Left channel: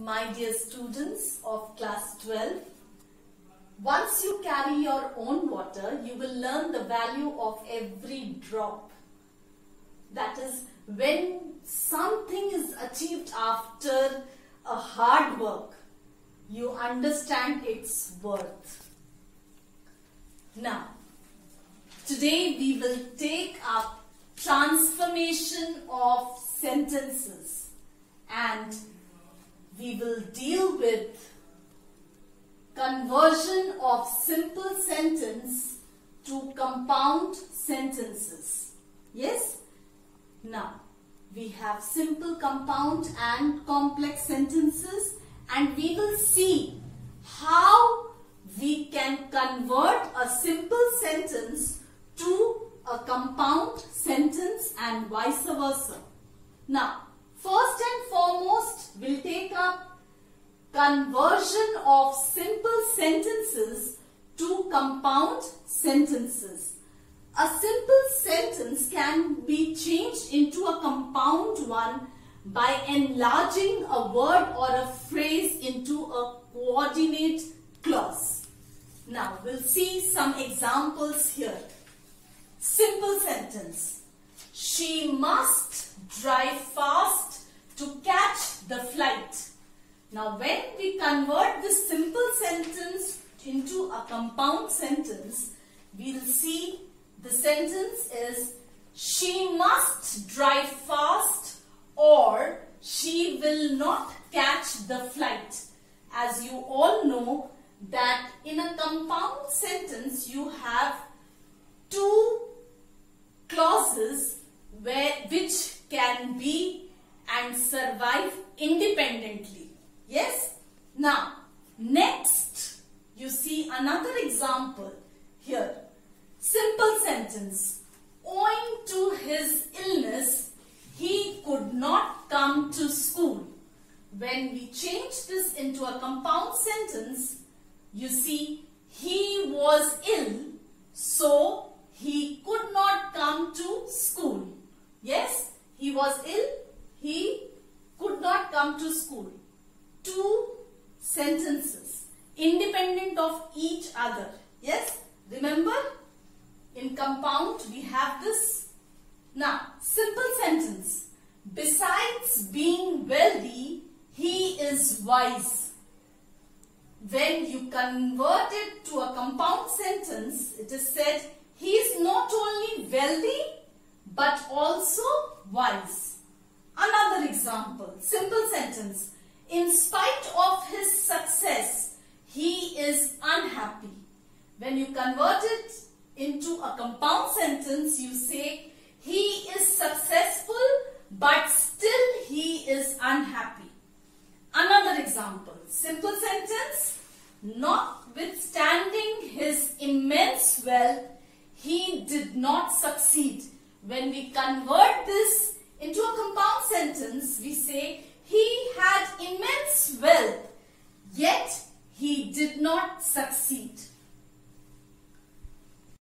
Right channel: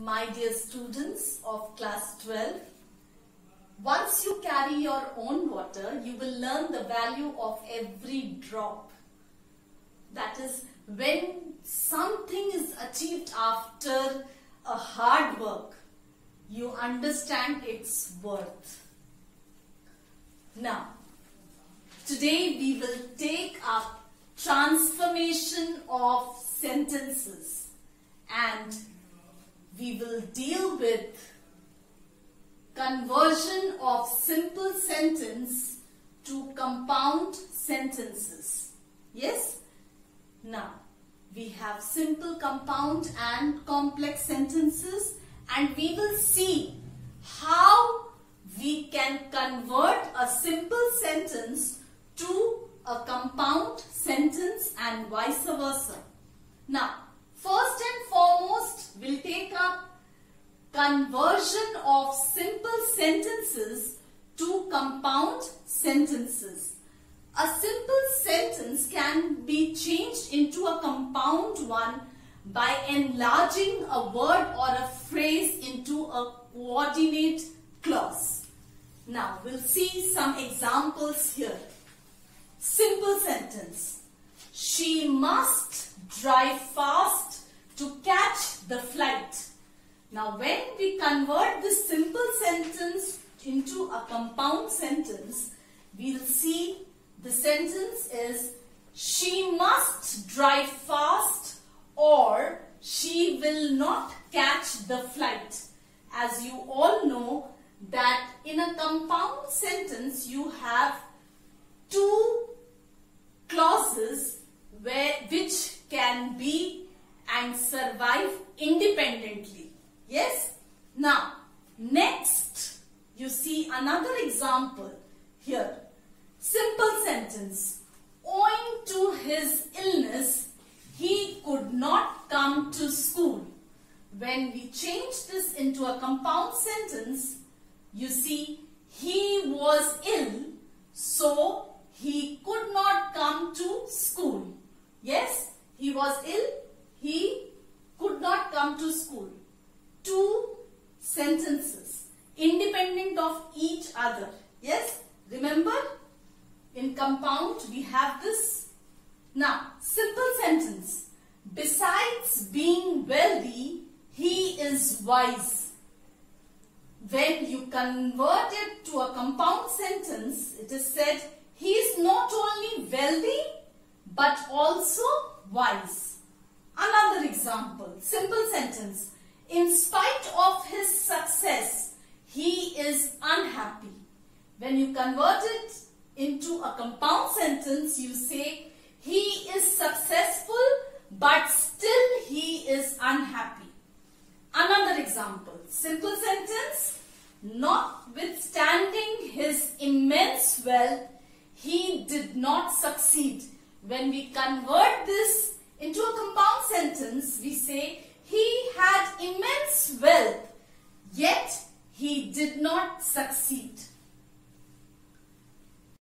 My dear students of class 12, once you carry your own water, you will learn the value of every drop. That is, when something is achieved after a hard work, you understand its worth. Now, today we will take up transformation of sentences and we will deal with conversion of simple sentence to compound sentences. Yes? Now, we have simple, compound and complex sentences, and we will see how we can convert a simple sentence to a compound sentence and vice versa. Now, first and foremost, we'll take up conversion of simple sentences to compound sentences. A simple sentence can be changed into a compound one by enlarging a word or a phrase into a coordinate clause. Now, we'll see some examples here. Simple sentence. She must drive fast to catch the flight. Now, when we convert this simple sentence into a compound sentence, we'll see the sentence is she must drive fast or she will not catch the flight. As you all know that in a compound sentence you have two clauses which can be and survive independently. Yes? Now, next you see another example here. Simple sentence. Owing to his illness, he could not come to school. When we change this into a compound sentence, you see he was ill, so he could not come to school. Yes, he was ill, he could not come to school. Two sentences, independent of each other. Yes, remember? In compound, we have this. Now, simple sentence. Besides being wealthy, he is wise. When you convert it to a compound sentence, it is said, he is not only wealthy, but also wise. Another example, simple sentence. In spite of his success, he is unhappy. When you convert it into a compound sentence, you say, he is successful, but still he is unhappy. Another example, simple sentence. Notwithstanding his immense wealth, he did not succeed. When we convert this into a compound sentence, we say, he had immense wealth, yet he did not succeed.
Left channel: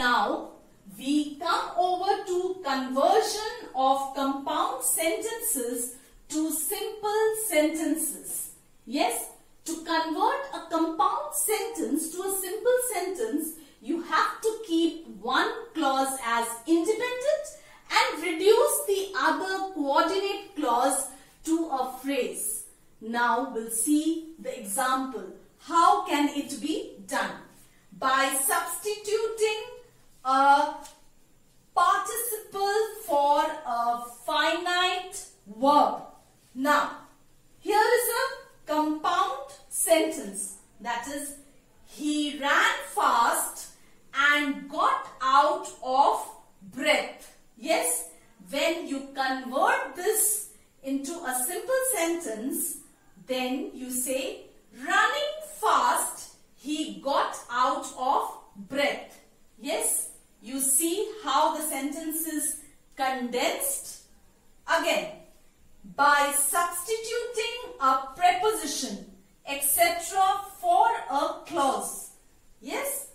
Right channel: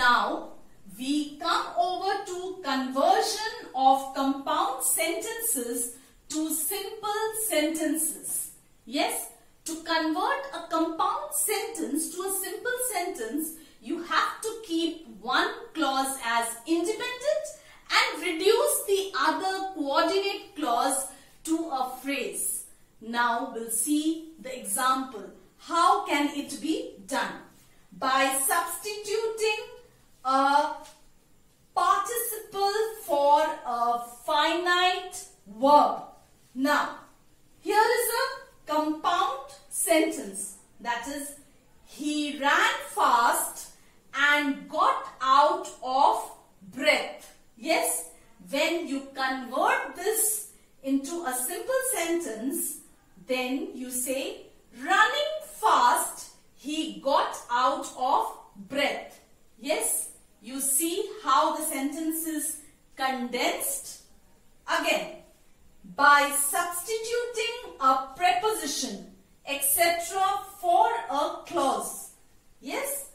Now, we come over to conversion of compound sentences to simple sentences. Yes, to convert a compound sentence to a simple sentence, you have to keep one clause as independent and reduce the other coordinate clause to a phrase. Now, we'll see the example. How can it be done? By substituting a participle for a finite verb. Now, here is a compound sentence. That is, he ran fast and got out of breath. Yes, when you convert this into a simple sentence, then you say, running fast, he got out of breath. Yes, you see how the sentence is condensed. Again, by substituting a preposition, etc. for a clause. Yes,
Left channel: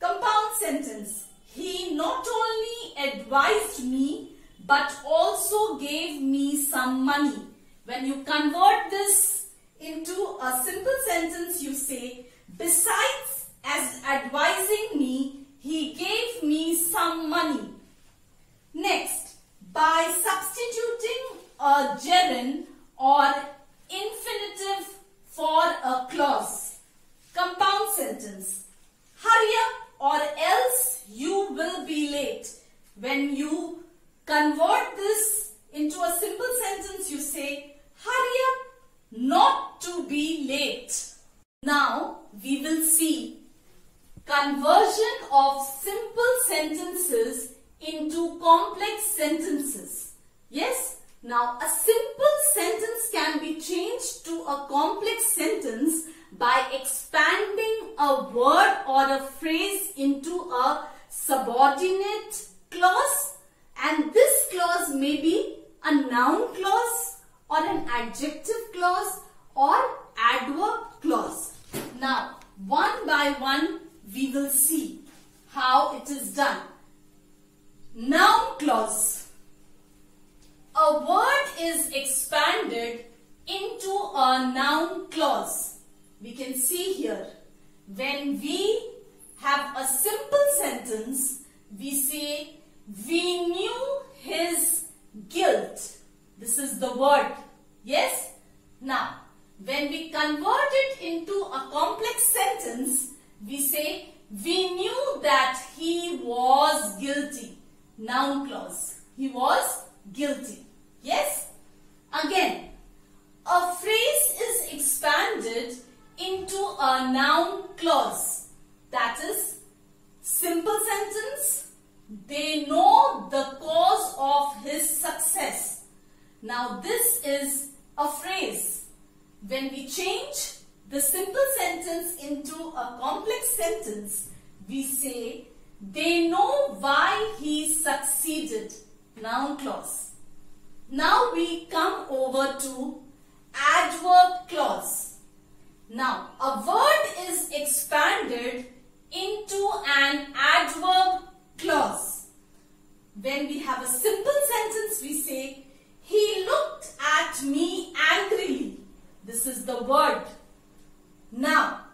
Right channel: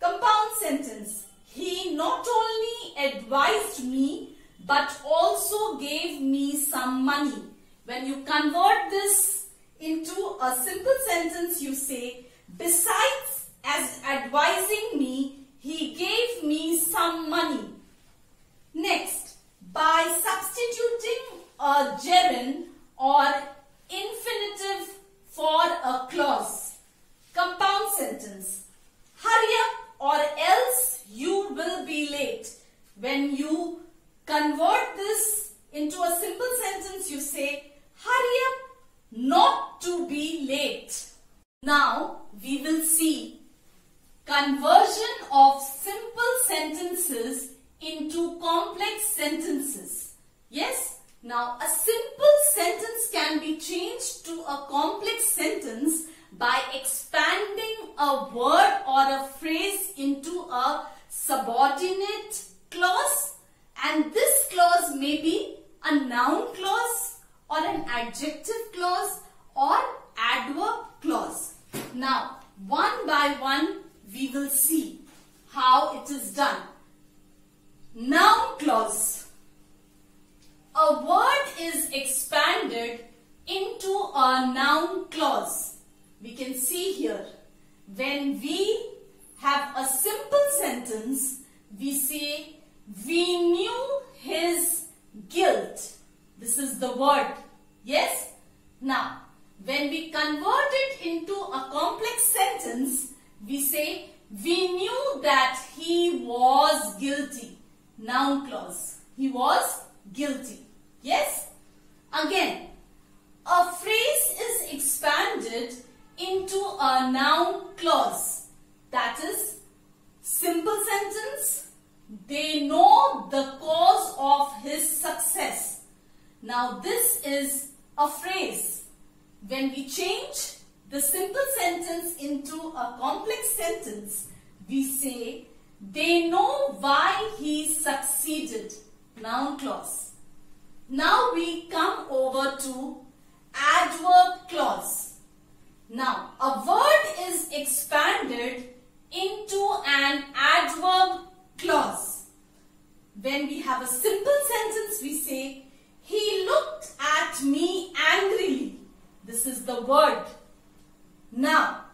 compound sentence. He not only advised me, but also gave me some money. When you convert this into a simple sentence you say, besides as advising me, he gave me some money. Next, by substituting a gerund or infinitive for a clause. Compound sentence. Hurry up or else you will be late. When you convert this into a simple sentence, you say, hurry up not to be late. Now, we will see conversion of simple sentences into complex sentences. Yes? Now, a simple sentence can be changed to a complex sentence by expanding a word or a phrase into a subordinate clause, and this clause may be a noun clause or an adjective clause or adverb clause. Now, one by one we will see how it is done. Noun clause. A word is expanded into a noun clause. We can see here, when we have a simple sentence, we say, we knew his guilt. This is the word. Yes? Now, when we convert it into a complex sentence, we say, we knew that he was guilty. Noun clause. He was guilty. Yes? Again, a phrase is expanded into a noun clause. That is, simple sentence, they know the cause of his success. Now this is a phrase. When we change the simple sentence into a complex sentence, we say, they know why he succeeded. Noun clause. Now we come over to adverb clause. Now, a word is expanded into an adverb clause. When we have a simple sentence, we say, he looked at me angrily. This is the word. Now,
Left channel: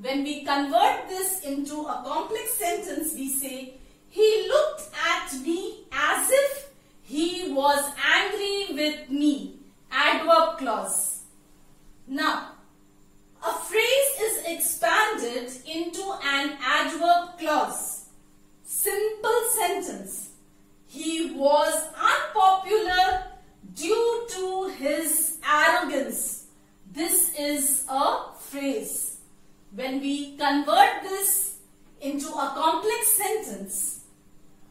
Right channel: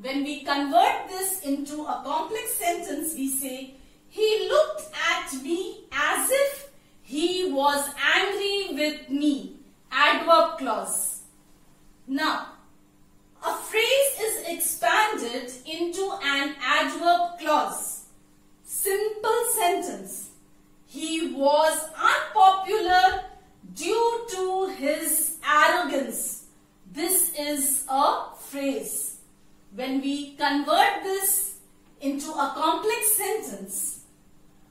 when we convert this into a complex sentence, we say, he looked at me as if he was angry with me. Adverb clause. Now, a phrase is expanded into an adverb clause. Simple sentence. He was unpopular due to his arrogance. This is a phrase. When we convert this into a complex sentence,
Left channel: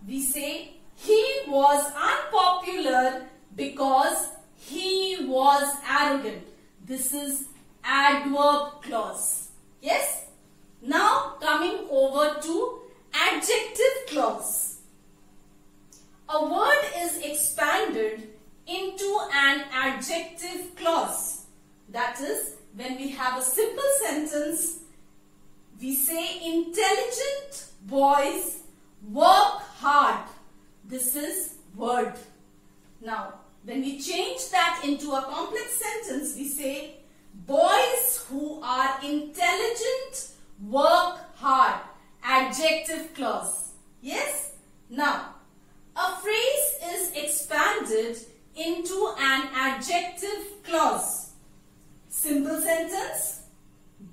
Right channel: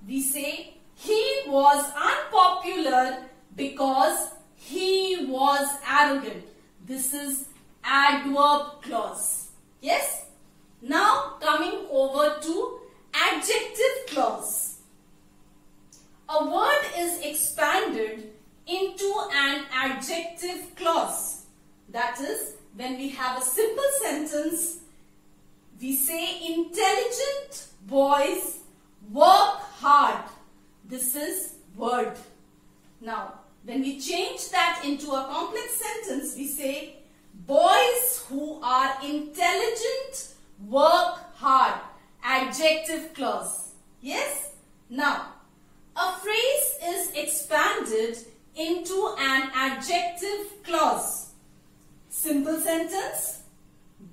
we say, he was unpopular because he was arrogant. This is adverb clause. Yes? Now coming over to adjective clause. A word is expanded into an adjective clause. That is, when we have a simple sentence, we say intelligent boys work hard. This is word. Now, when we change that into a complex sentence, we say, boys who are intelligent work hard. Adjective clause. Yes? Now, a phrase is expanded into an adjective clause. Simple sentence.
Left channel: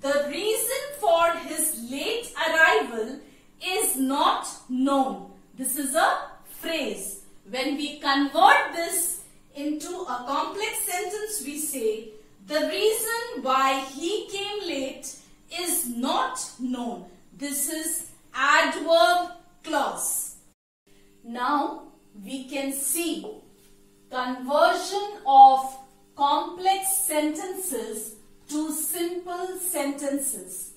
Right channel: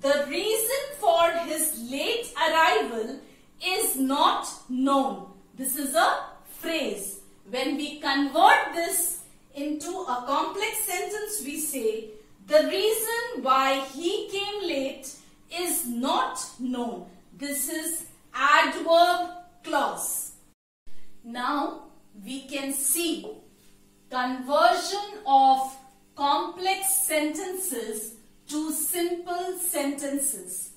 The reason for his late arrival is not known. This is a phrase. When we convert this into a complex sentence, we say, the reason why he came late is not known. This is adverb clause. Now we can see conversion of complex sentences to simple sentences.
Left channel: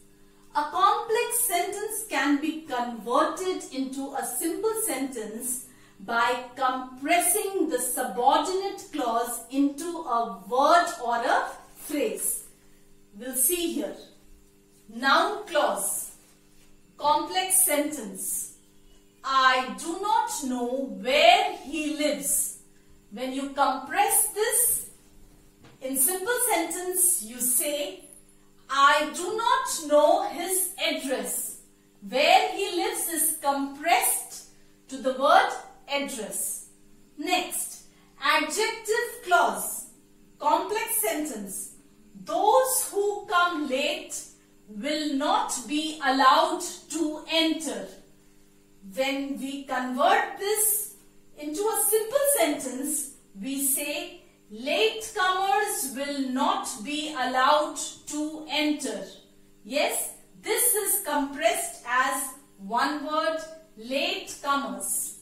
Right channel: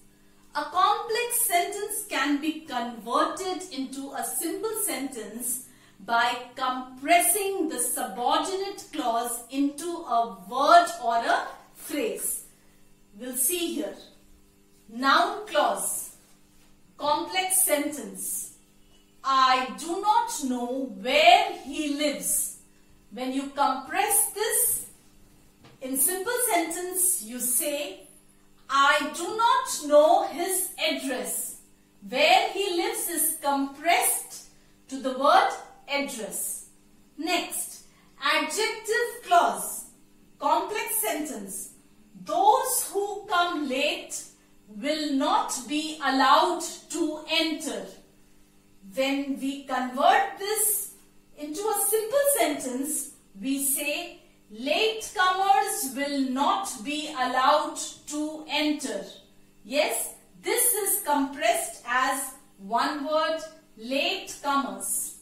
A complex sentence can be converted into a simple sentence by compressing the subordinate clause into a word or a phrase. We'll see here. Noun clause. Complex sentence. I do not know where he lives. When you compress this in simple sentence, you say, I do not know his address. Where he lives is compressed to the word address. Next, adjective clause, complex sentence. Those who come late will not be allowed to enter. When we convert this into a simple sentence, we say latecomers will not be allowed to enter. Yes, this is compressed as one word, latecomers.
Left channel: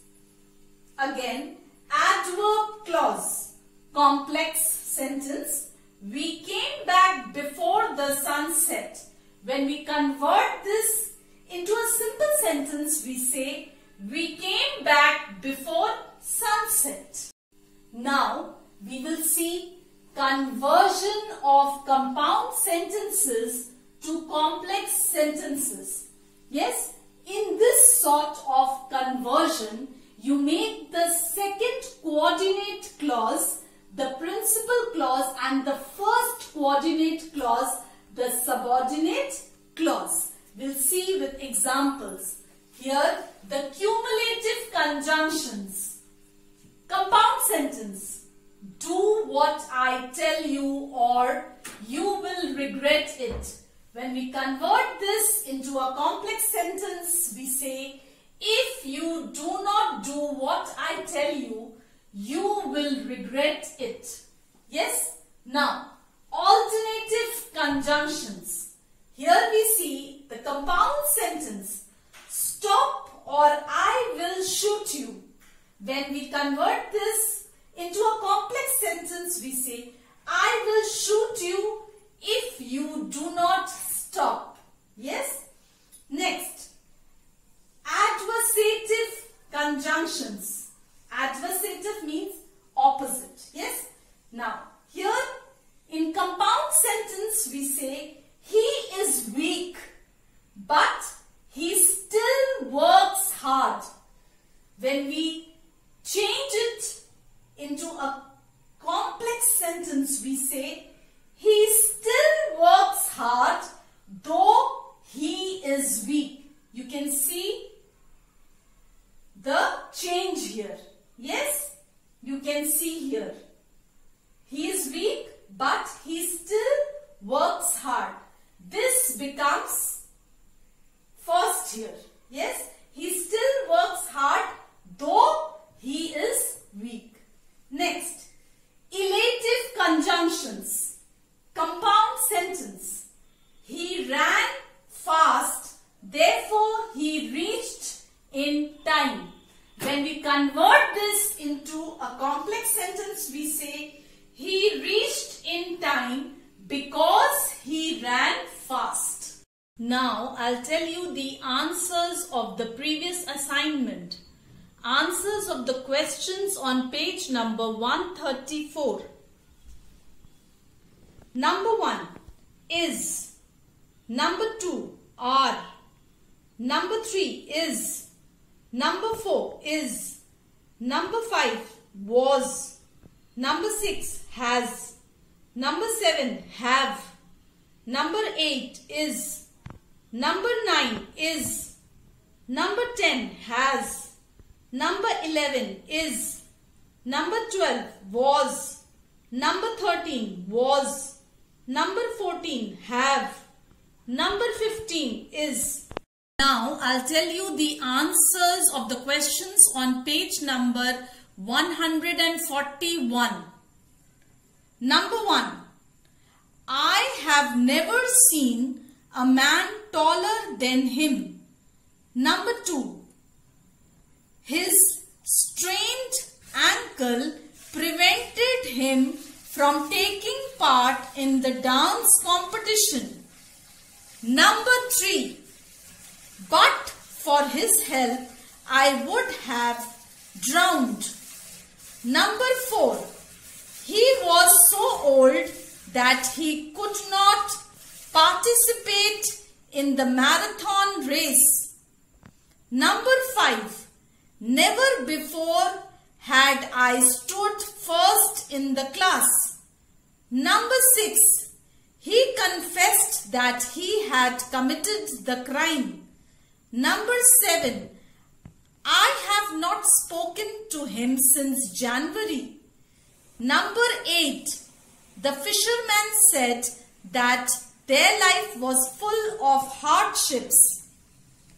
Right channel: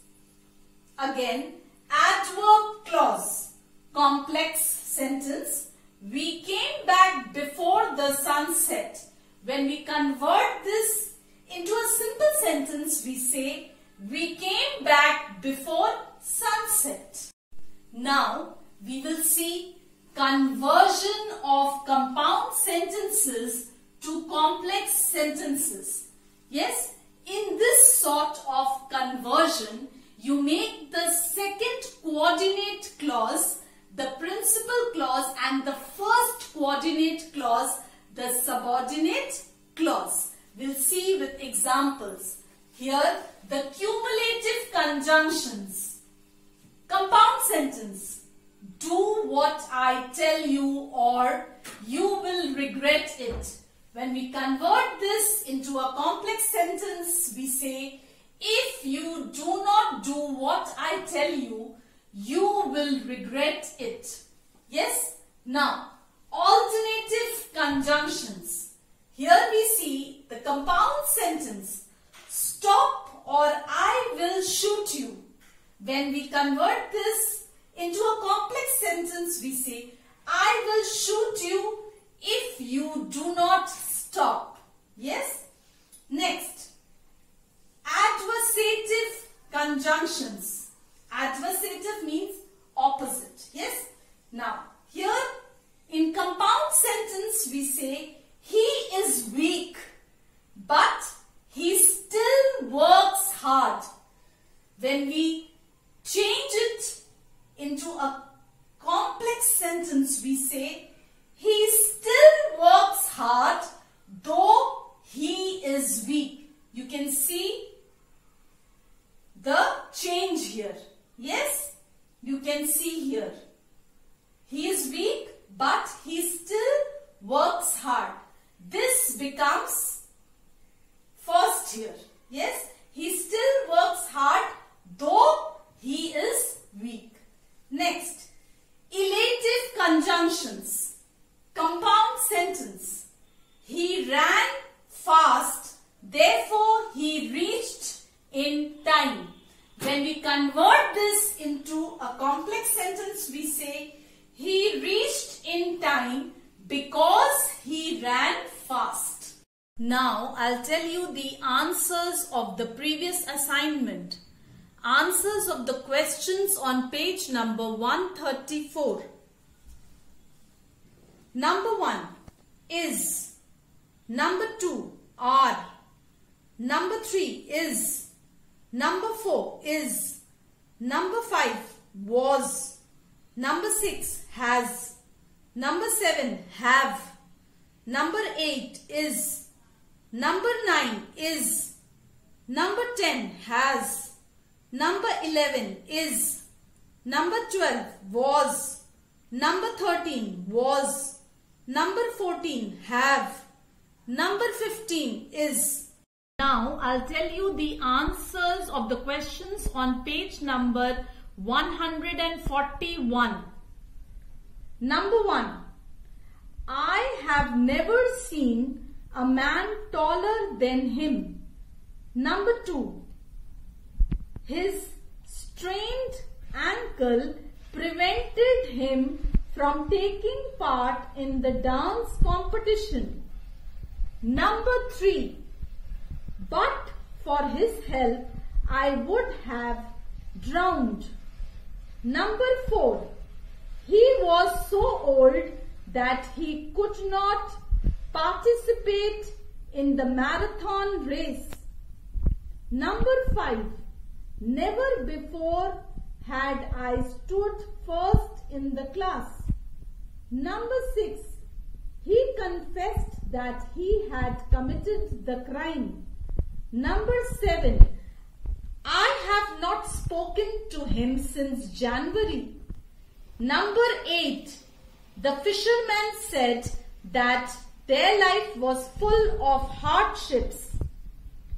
Again, adverb clause, complex sentence. We came back before the sun set. When we convert this into a simple sentence, we say we came back before sunset. Now, we will see conversion of compound sentences to complex sentences. Yes, in this sort of conversion, you make the second coordinate clause the principal clause and the first coordinate clause the subordinate clause. We'll see with examples. Here, the cumulative conjunctions. Compound sentence. Do what I tell you or you will regret it. When we convert this into a complex sentence, we say, if you do not do what I tell you, you will regret it. Yes? Now, alternative conjunctions. Here we see the compound sentence, stop or I will shoot you. When we convert this into a complex sentence, we say, I will shoot you if you do not stop. Yes? Next, adversative conjunctions. Adversative means opposite. Yes? Now, here in compound sentence we say he is weak but he still works hard. When we change it into a complex sentence we say he still works hard though he is weak. You can see the change here. Yes, you can see here. He is weak, but he still works hard. This becomes first here. Yes, he still works hard, though he is weak. Next, elative conjunctions. Compound sentence. He ran fast, therefore he reached in time. When we convert this into a complex sentence, we say he reached in time because he ran fast. Now, I'll tell you the answers of the previous assignment. Answers of the questions on page number 134. Number 1, is. Number 2, are. Number 3, is. Number 4, is. Number 5, was. Number 6, has. Number 7, have. Number 8, is. Number 9, is. Number 10, has. Number 11, is. Number 12, was. Number 13, was. Number 14, have. Number 15, is. Now, I'll tell you the answers of the questions on page number 141. Number 1. I have never seen a man taller than him. Number 2. His strained ankle prevented him from taking part in the dance competition. Number 3. But for his help, I would have drowned. Number 4. He was so old that he could not participate in the marathon race. Number 5. Never before had I stood first in the class. Number 6. He confessed that he had committed the crime. Number 7. I have not spoken to him since January. Number 8. The fisherman said that their life was full of hardships.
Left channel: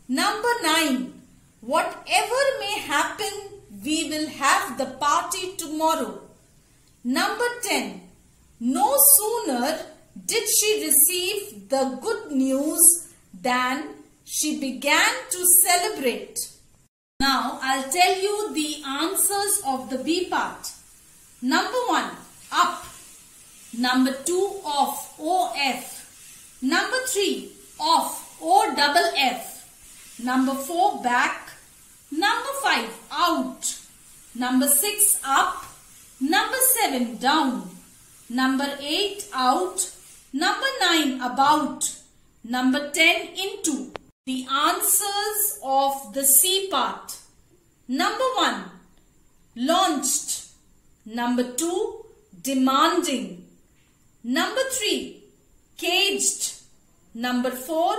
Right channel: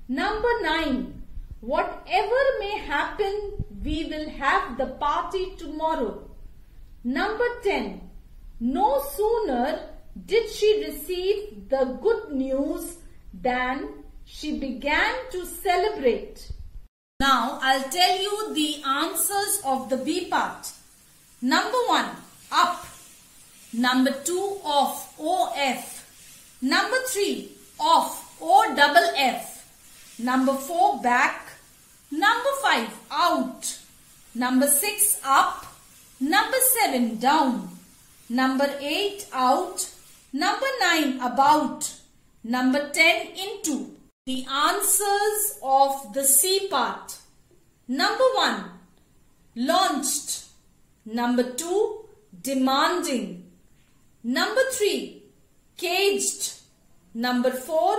Number 9. Whatever may happen, we will have the party tomorrow. Number 10. No sooner did she receive the good news than she began to celebrate. Now I'll tell you the answers of the B part. Number 1, up. Number 2, off, OF. Number 3, off, OFF. Number 4, back. Number 5, out. Number 6, up. Number 7, down. Number 8, out. Number 9, about. Number 10, into. The answers of the C part. Number 1, launched. Number 2, demanding. Number 3, caged. Number 4,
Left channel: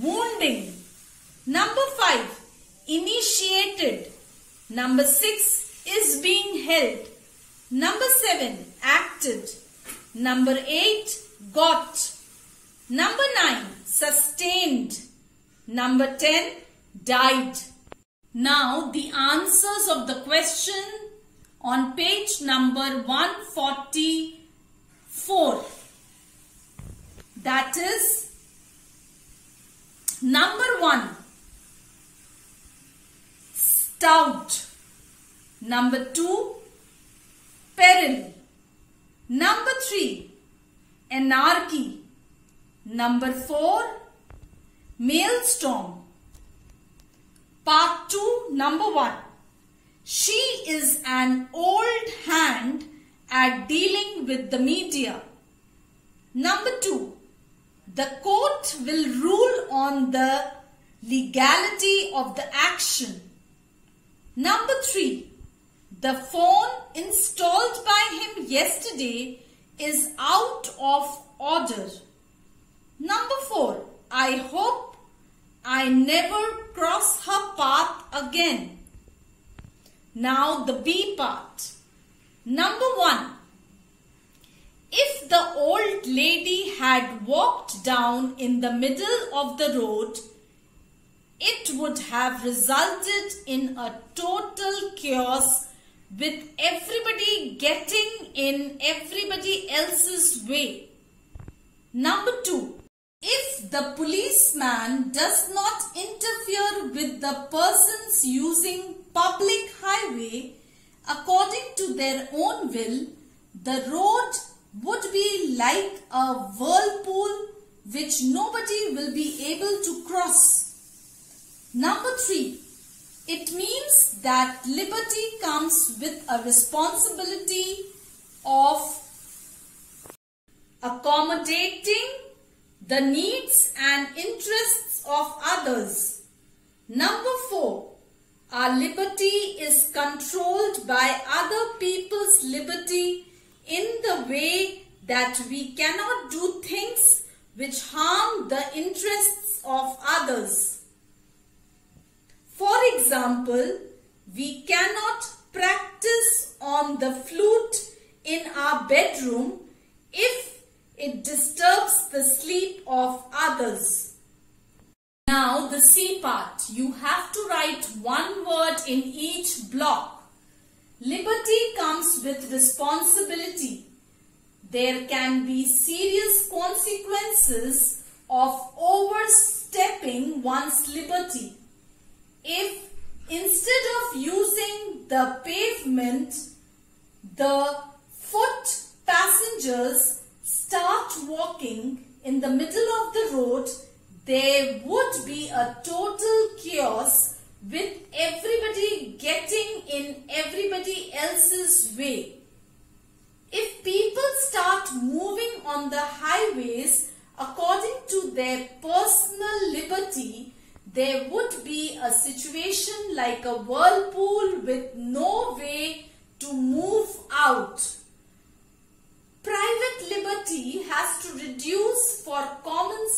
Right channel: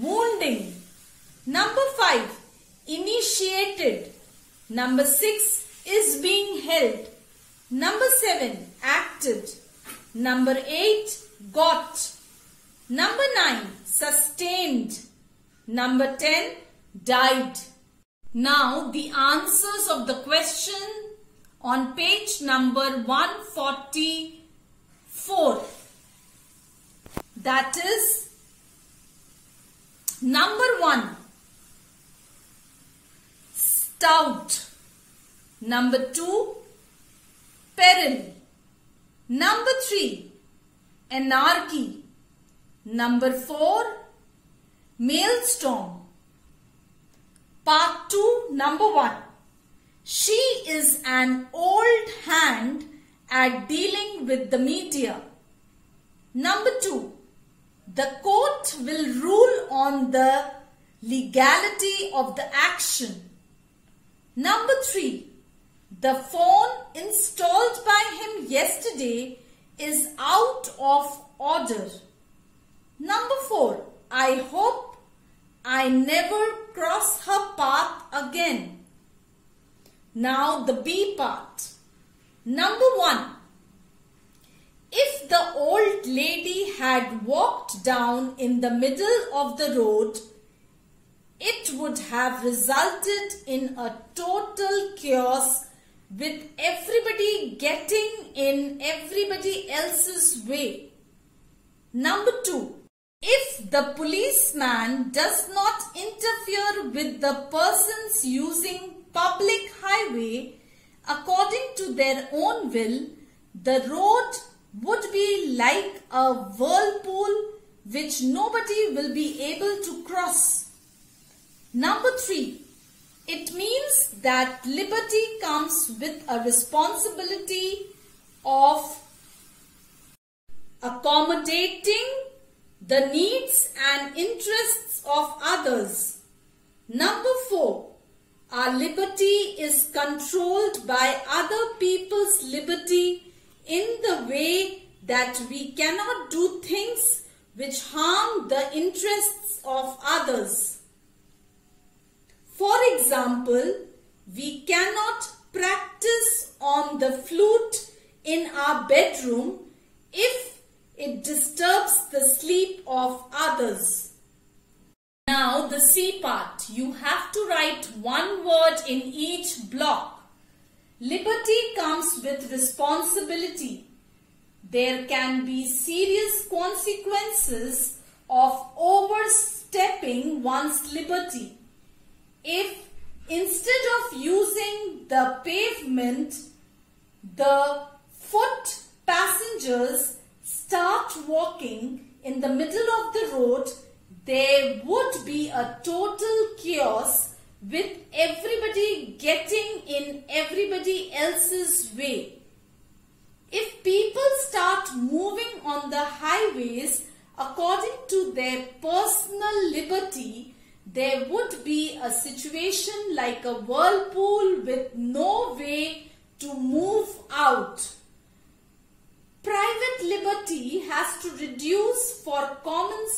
wounding. Number 5, initiated. Number 6, is being held. Number 7, acted. Number 8, got. Number 9, sustained. Number 10, died. Now the answers of the question on page number 144. That is, number 1, stout. Number 2, peril. Number 3, anarchy. Number 4, maelstrom. Part 2, number 1. She is an old hand at dealing with the media. Number 2. The court will rule on the legality of the action. Number 3. The phone installed by him yesterday is out of order. Number 4. I hope I never cross her path again. Now the B part. Number 1. If the old lady had walked down in the middle of the road, it would have resulted in a total chaos with everybody getting in everybody else's way. Number 2. If the policeman does not interfere with the persons using public highway according to their own will, the road would be like a whirlpool which nobody will be able to cross. Number 3. It means that liberty comes with a responsibility of accommodating the needs and interests of others. Number 4. Our liberty is controlled by other people's liberty in the way that we cannot do things which harm the interests of others. For example, we cannot practice on the flute in our bedroom if it disturbs the sleep of others. Now the C part. You have to write one word in each block. Liberty comes with responsibility. There can be serious consequences of overstepping one's liberty. If instead of using the pavement, the foot passengers start walking in the middle of the road, there would be a total chaos with everybody getting in everybody else's way. If people start moving on the highways according to their personal liberty, there would be a situation like a whirlpool with no way to move out. Private liberty has to reduce for common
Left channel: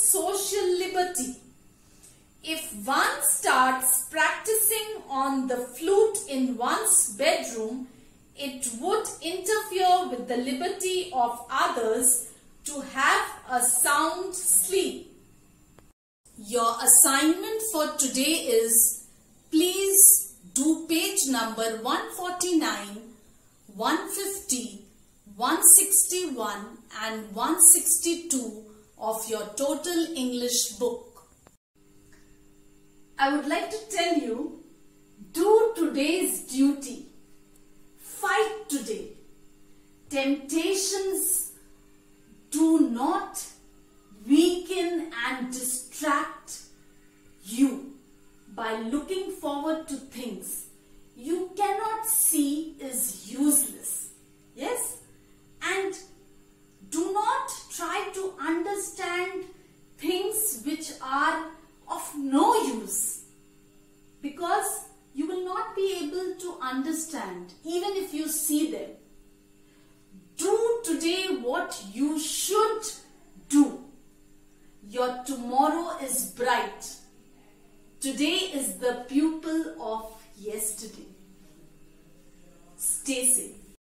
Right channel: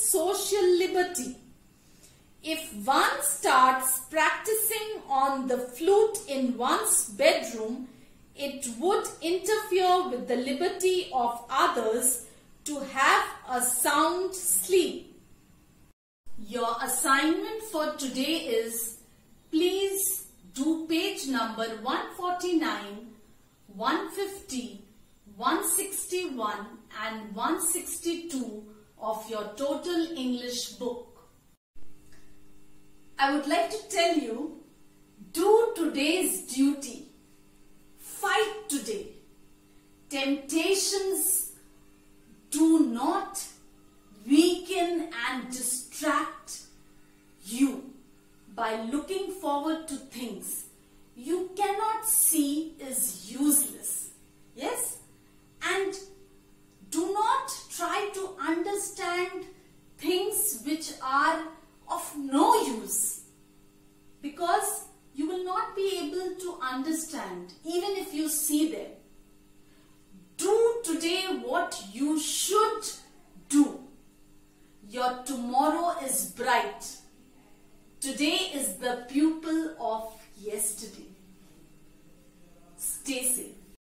liberty. If one starts practicing on the flute in one's bedroom, it would interfere with the liberty of others to have a sound sleep. Your assignment for today is, please do page number 149, 150, 161 and 162 of your Total English book. I would like to tell you, do today's duty. Fight today. Temptations do not weaken and distract you by looking forward to things you cannot see is useless. Yes? And do not try to understand things which are of no use, because you will not be able to understand even if you see them. Do today what you should do. Your tomorrow is bright. Today is the pupil of yesterday.